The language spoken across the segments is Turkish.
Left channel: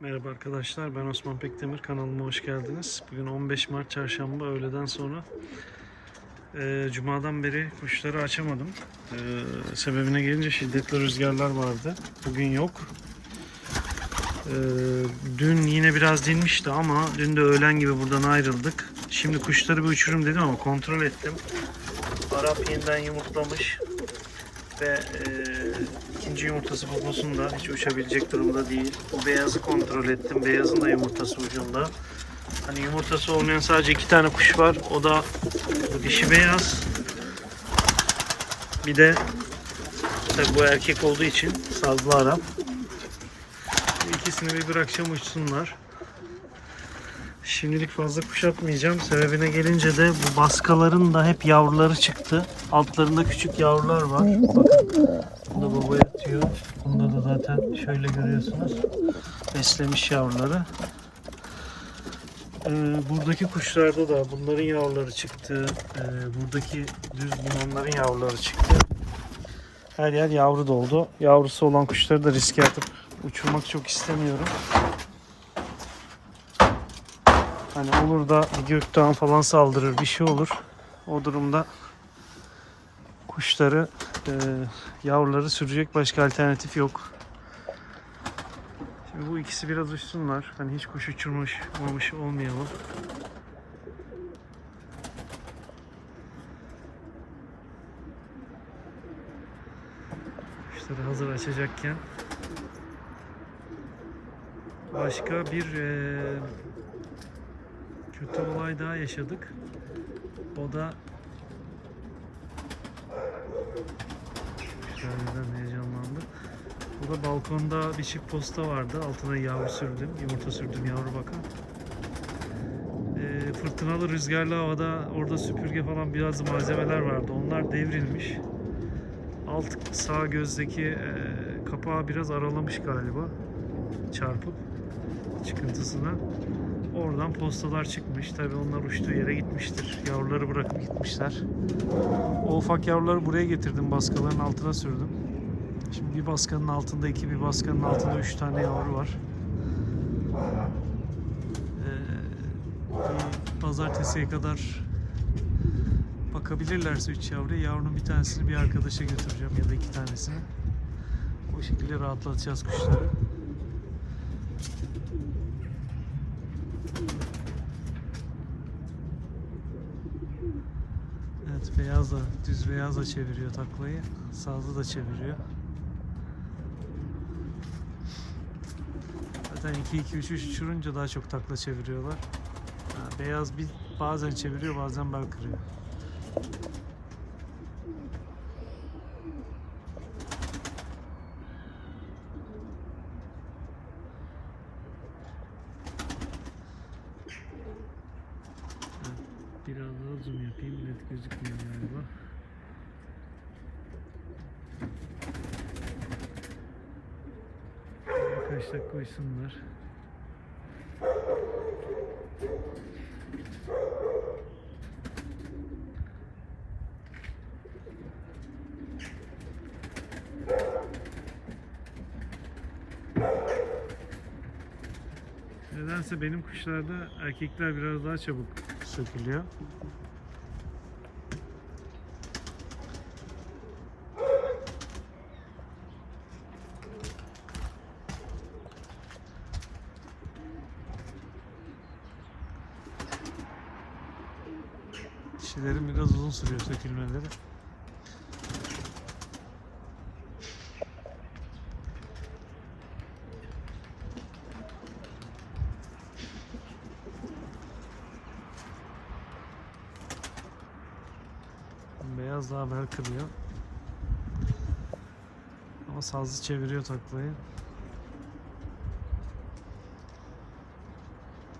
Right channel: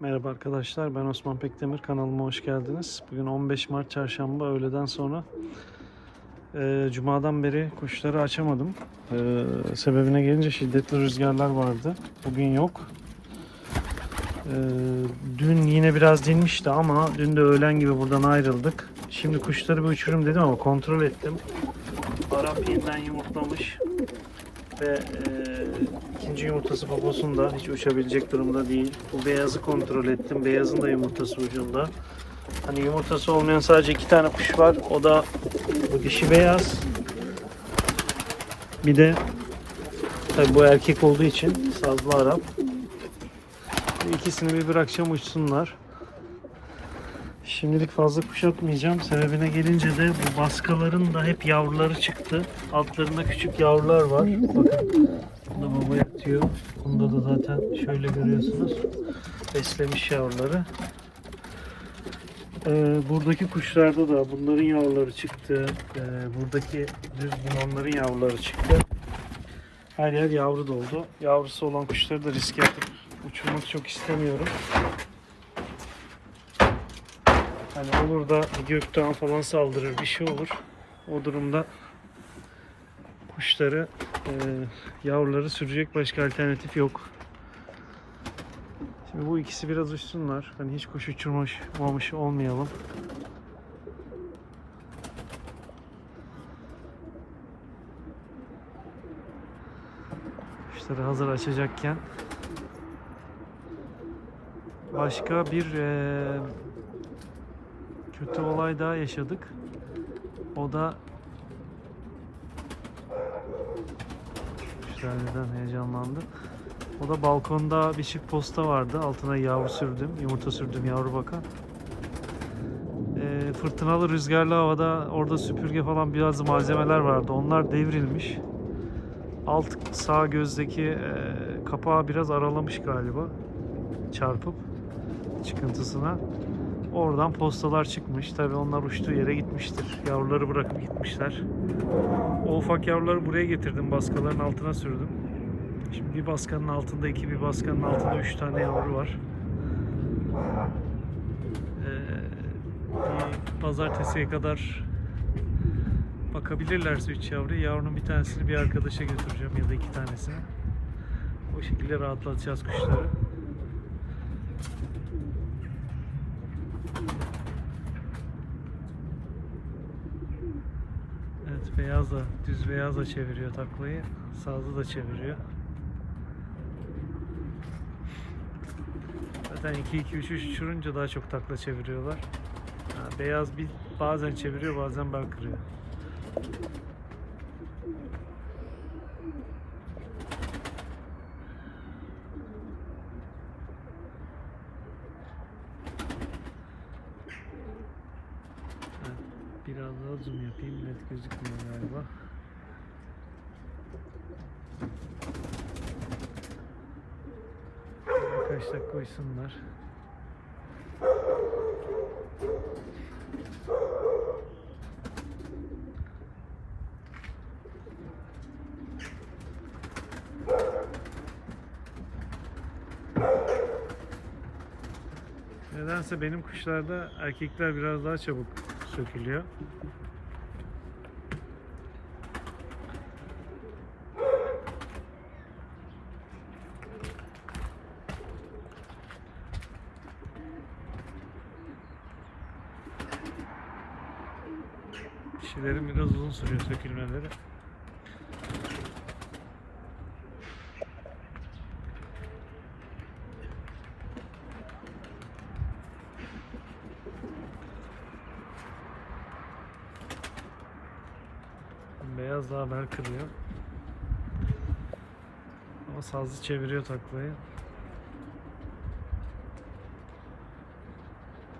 Merhaba arkadaşlar ben Osman Pekdemir kanalıma hoş geldiniz. Bugün 15 Mart çarşamba öğleden sonra e, Cuma'dan beri kuşları açamadım. E, sebebine gelince şiddetli rüzgarlar vardı. Bugün yok. E, dün yine biraz dinmişti ama dün de öğlen gibi buradan ayrıldık. Şimdi kuşları bir uçurum dedim ama kontrol ettim. Arap yeniden yumurtlamış ve e, ikinci yumurtası poposunda hiç uçabilecek durumda değil. Bu beyazı kontrol ettim. Beyazın da yumurtası ucunda. Hani yumurtası olmayan sadece iki tane kuş var. O da dişi beyaz. Bir de tabii bu erkek olduğu için sazlı Arap. İkisini bir bırakacağım uçsunlar. Şimdilik fazla kuşatmayacağım. Sebebine gelince de bu baskaların da hep yavruları çıktı. Altlarında küçük yavrular var. Bakın. Bunda baba yatıyor. Bunda da zaten şöyle görüyorsunuz. Beslemiş yavruları. Ee, buradaki kuşlarda da bunların yavruları çıktı. Ee, buradaki düz onların yavruları çıktı. Her yer yavru doldu. Yavrusu olan kuşları da riske atıp uçurmak çok istemiyorum. Hani olur da bir göktağı falan saldırır bir şey olur. O durumda kuşları e, yavruları sürecek başka alternatif yok. Şimdi bu ikisi biraz uçsunlar. Hani hiç kuş uçurmuş olmamış olmayalım. Kuşları hazır açacakken başka bir e, kötü olay daha yaşadık. O da Şöyleden heyecanlandı. O da balkonda bir çift posta vardı. Altına yavru sürdüm. Yumurta sürdüm yavru bakan. Ee, fırtınalı rüzgarlı havada orada süpürge falan biraz malzemeler vardı. Onlar devrilmiş. Alt sağ gözdeki e, kapağı biraz aralamış galiba. Çarpıp çıkıntısına. Oradan postalar çıkmış. Tabi onlar uçtuğu yere gitmiştir. Yavruları bırakıp gitmişler. O ufak yavruları buraya getirdim. Baskaların altına sürdüm. Şimdi bir baskanın altında iki, bir baskanın altında üç tane yavru var. Ee, pazartesiye kadar bakabilirlerse üç yavruya. Yavrunun bir tanesini bir arkadaşa götüreceğim ya da iki tanesini. O şekilde rahatlatacağız kuşları. Evet beyaz da düz beyaz da çeviriyor taklayı. Sazlı da çeviriyor. Zaten 2 2 3 3 uçurunca daha çok takla çeviriyorlar. Ha, beyaz bir bazen çeviriyor bazen bel kırıyor. Evet, Biraz daha zoom yapayım net gözükmüyor galiba. Birkaç dakika uyusunlar. Nedense benim kuşlarda erkekler biraz daha çabuk sökülüyor. Dişilerin biraz uzun sürüyor sökülmeleri. Beyaz daha bel kırıyor. Ama sazlı çeviriyor taklayı.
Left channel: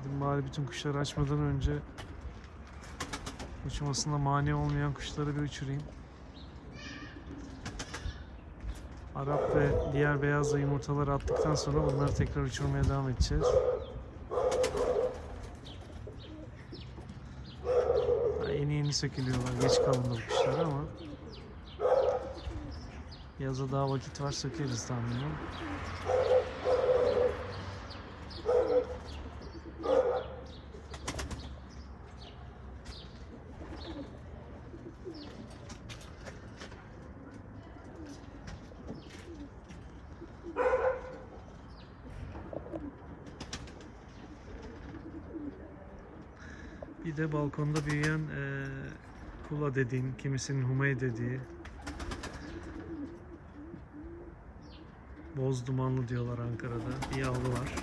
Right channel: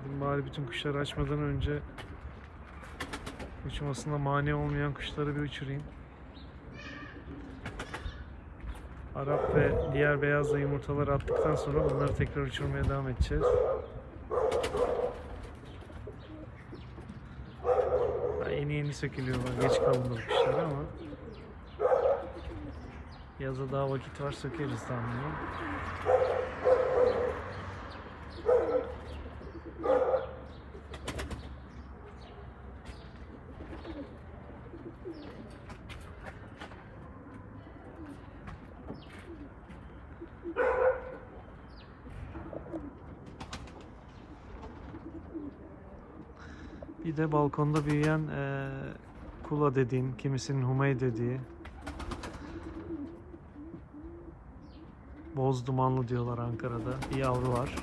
Dedim bari bütün kuşları açmadan önce uçmasına mani olmayan kuşları bir uçurayım. Arap ve diğer beyazla yumurtaları attıktan sonra bunları tekrar uçurmaya devam edeceğiz. Sökülüyorlar. Geç kalındı bu kuşlar ama yaza daha vakit var sökeriz tahminim. Bir de balkonda büyüyen eee, kula dediğin, kimisinin humey dediği boz dumanlı diyorlar Ankara'da. Bir yavru var.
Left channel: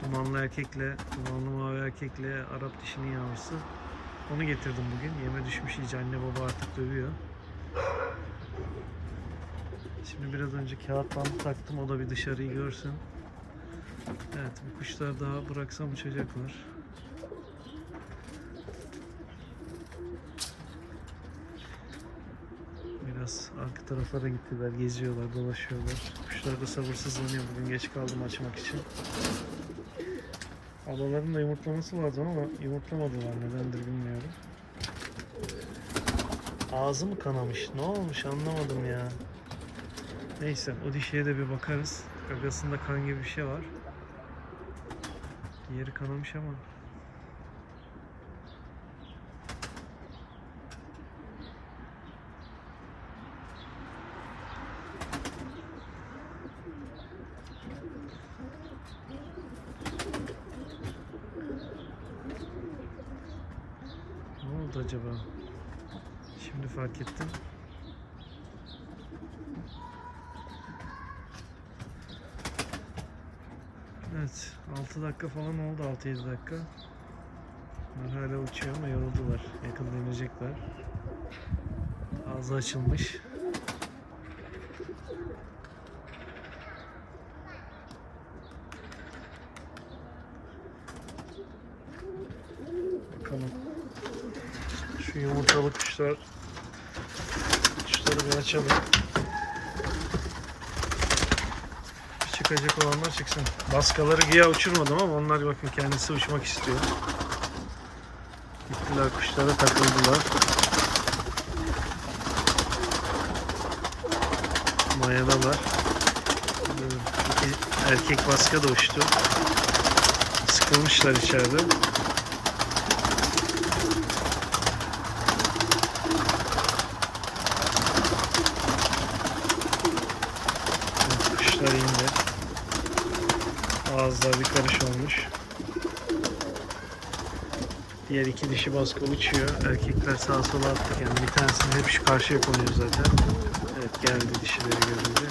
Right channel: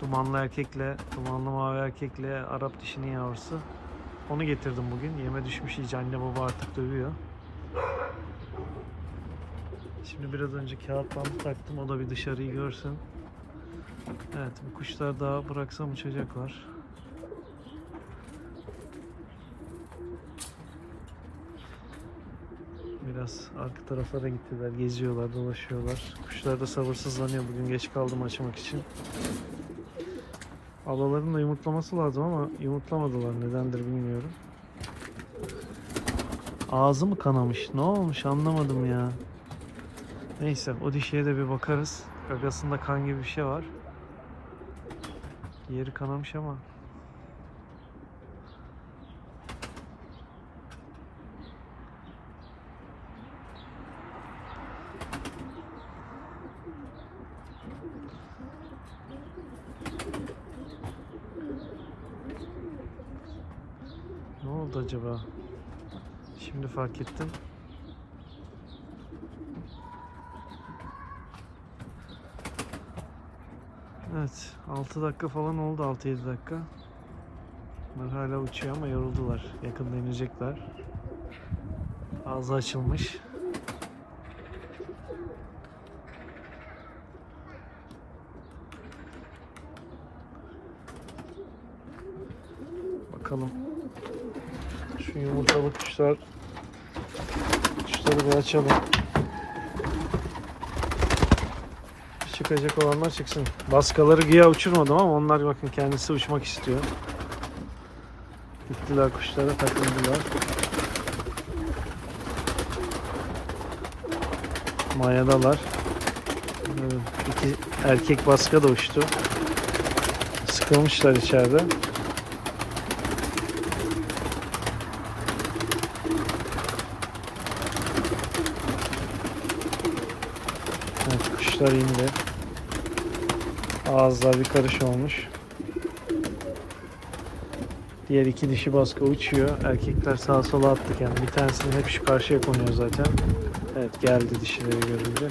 Dumanlı erkekle, dumanlı mavi erkekle Arap dişinin yavrusu. Onu getirdim bugün. Yeme düşmüş iyice anne baba artık dövüyor. Şimdi biraz önce kağıt bandı taktım. O da bir dışarıyı görsün. Evet bu kuşlar daha bıraksam uçacaklar. Biraz arka tarafa da gittiler. Geziyorlar, dolaşıyorlar. Kuşlar da sabırsızlanıyor. Bugün geç kaldım açmak için. Alaların da yumurtlaması lazım ama yumurtlamadılar. Nedendir bilmiyorum. Ağzı mı kanamış? Ne olmuş anlamadım ya. Neyse o dişiye de bir bakarız. Gagasında kan gibi bir şey var. Yeri kanamış ama. Ne oldu acaba? Şimdi fark ettim. Evet, 6 dakika falan oldu 6-7 dakika. Bunlar hala uçuyor ama yoruldular. Yakında inecekler. Ağzı açılmış. Bakalım. Şu yumurtalı kuşlar kuşları bir açalım. Çıkacak olanlar çıksın. Baskaları güya uçurmadım ama onlar bakın kendisi uçmak istiyor. Gittiler kuşlara takıldılar. Mayadalar. İki erkek baska da uçtu. Sıkılmışlar içeride. Evet, kuşlar indi. Ağızlar bir karış olmuş. Diğer iki dişi baskı uçuyor. Erkekler sağa sola attı kendini. Bir tanesini hep şu karşıya konuyor zaten. Evet geldi dişileri görünce.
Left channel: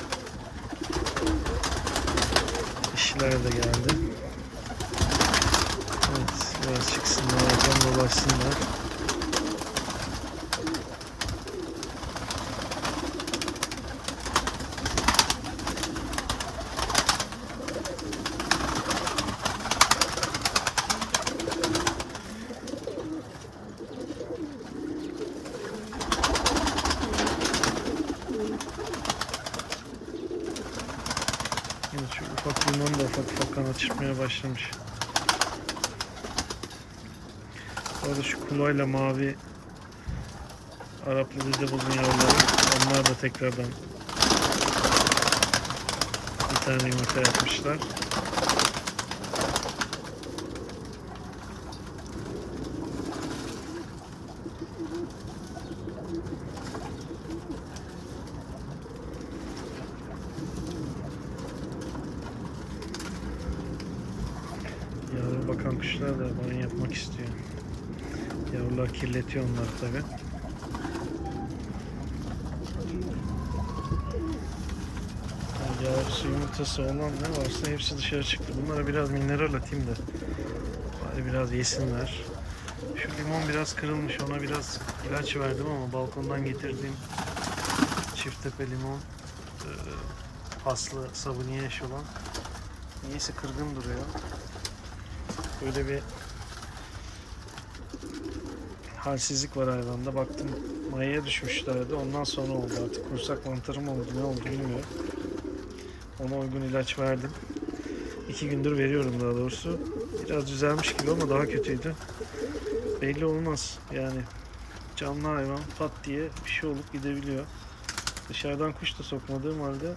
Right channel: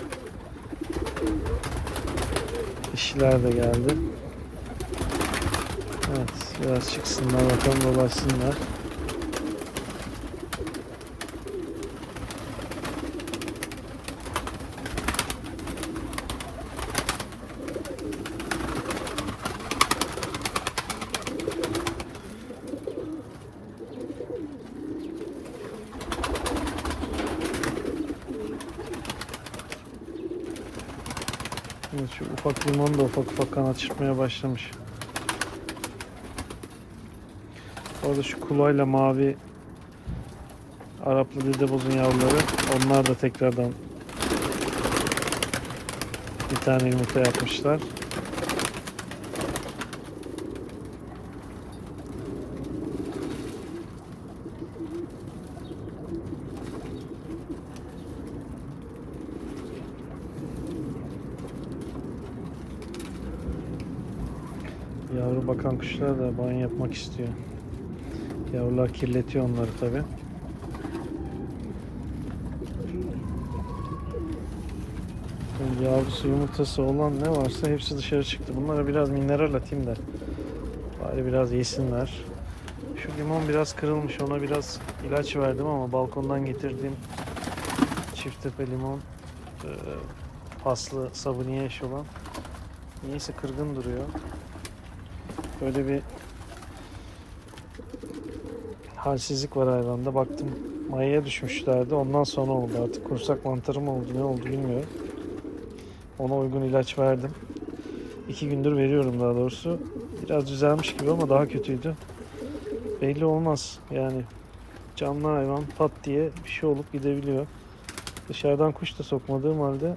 Dişiler de geldi. Evet biraz çıksınlar bakalım dolaşsınlar. Evet şu ufak limon da ufak ufak kanat çırpmaya başlamış. Orada şu kulayla mavi Araplı dede buldun yavruları. Onlar da tekrardan bir tane yumurta yapmışlar. Yavru bakan kuşlar da banyo yapmak istiyor. Yavrular kirletiyor onları tabi. Yavrusu yumurtası olan ne varsa hepsi dışarı çıktı. Bunlara biraz mineral atayım da bari biraz yesinler. Şu limon biraz kırılmış ona biraz ilaç verdim ama balkondan getirdiğim çift tepe limon e, paslı sabuniye eş olan niyeyse kırgın duruyor. Böyle bir halsizlik var hayvanda. Baktım mayaya düşmüşlerdi. Ondan sonra oldu artık. Kursak mantarı mı oldu ne oldu bilmiyorum. Ona uygun ilaç verdim. İki gündür veriyorum daha doğrusu. Biraz düzelmiş gibi ama daha kötüydü. Belli olmaz yani. Canlı hayvan pat diye bir şey olup gidebiliyor. Dışarıdan kuş da sokmadığım halde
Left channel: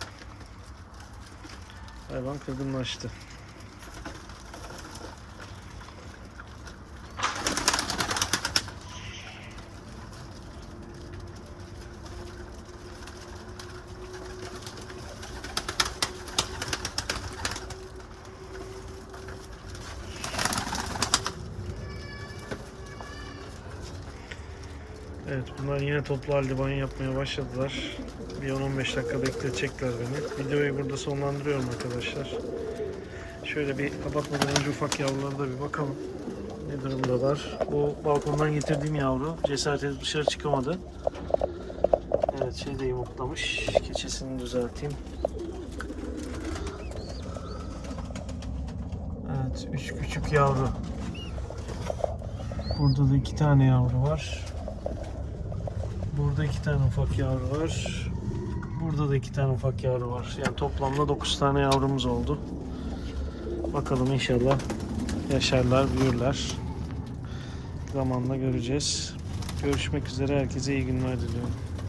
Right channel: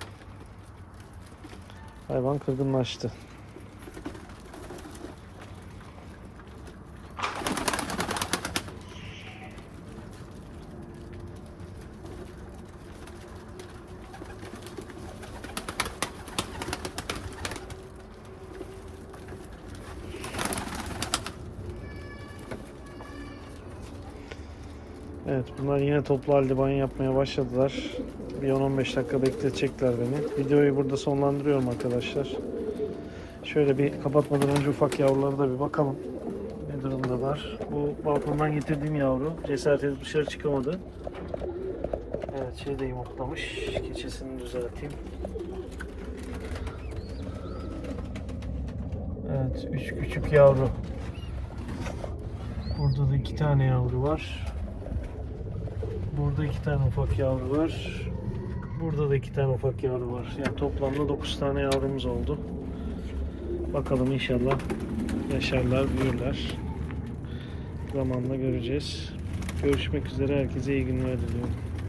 hayvan kırgınlaştı. Evet bunlar yine toplu halde banyo yapmaya başladılar. Bir 10-15 dakika bekletecekler beni. Videoyu burada sonlandırıyorum arkadaşlar. Şöyle bir kapatmadan önce ufak yavrulara da bir bakalım. Ne durumdalar. Bu balkondan getirdiğim yavru cesaret edip dışarı çıkamadı. Evet şey de yumurtlamış. Keçesini düzelteyim. Evet üç küçük yavru. Burada da iki tane yavru var. Burada iki tane ufak yavru var. Burada da iki tane ufak yavru var. Yani toplamda 9 tane yavrumuz oldu. Bakalım inşallah yaşarlar, büyürler. Zamanla göreceğiz. Görüşmek üzere. Herkese iyi günler diliyorum.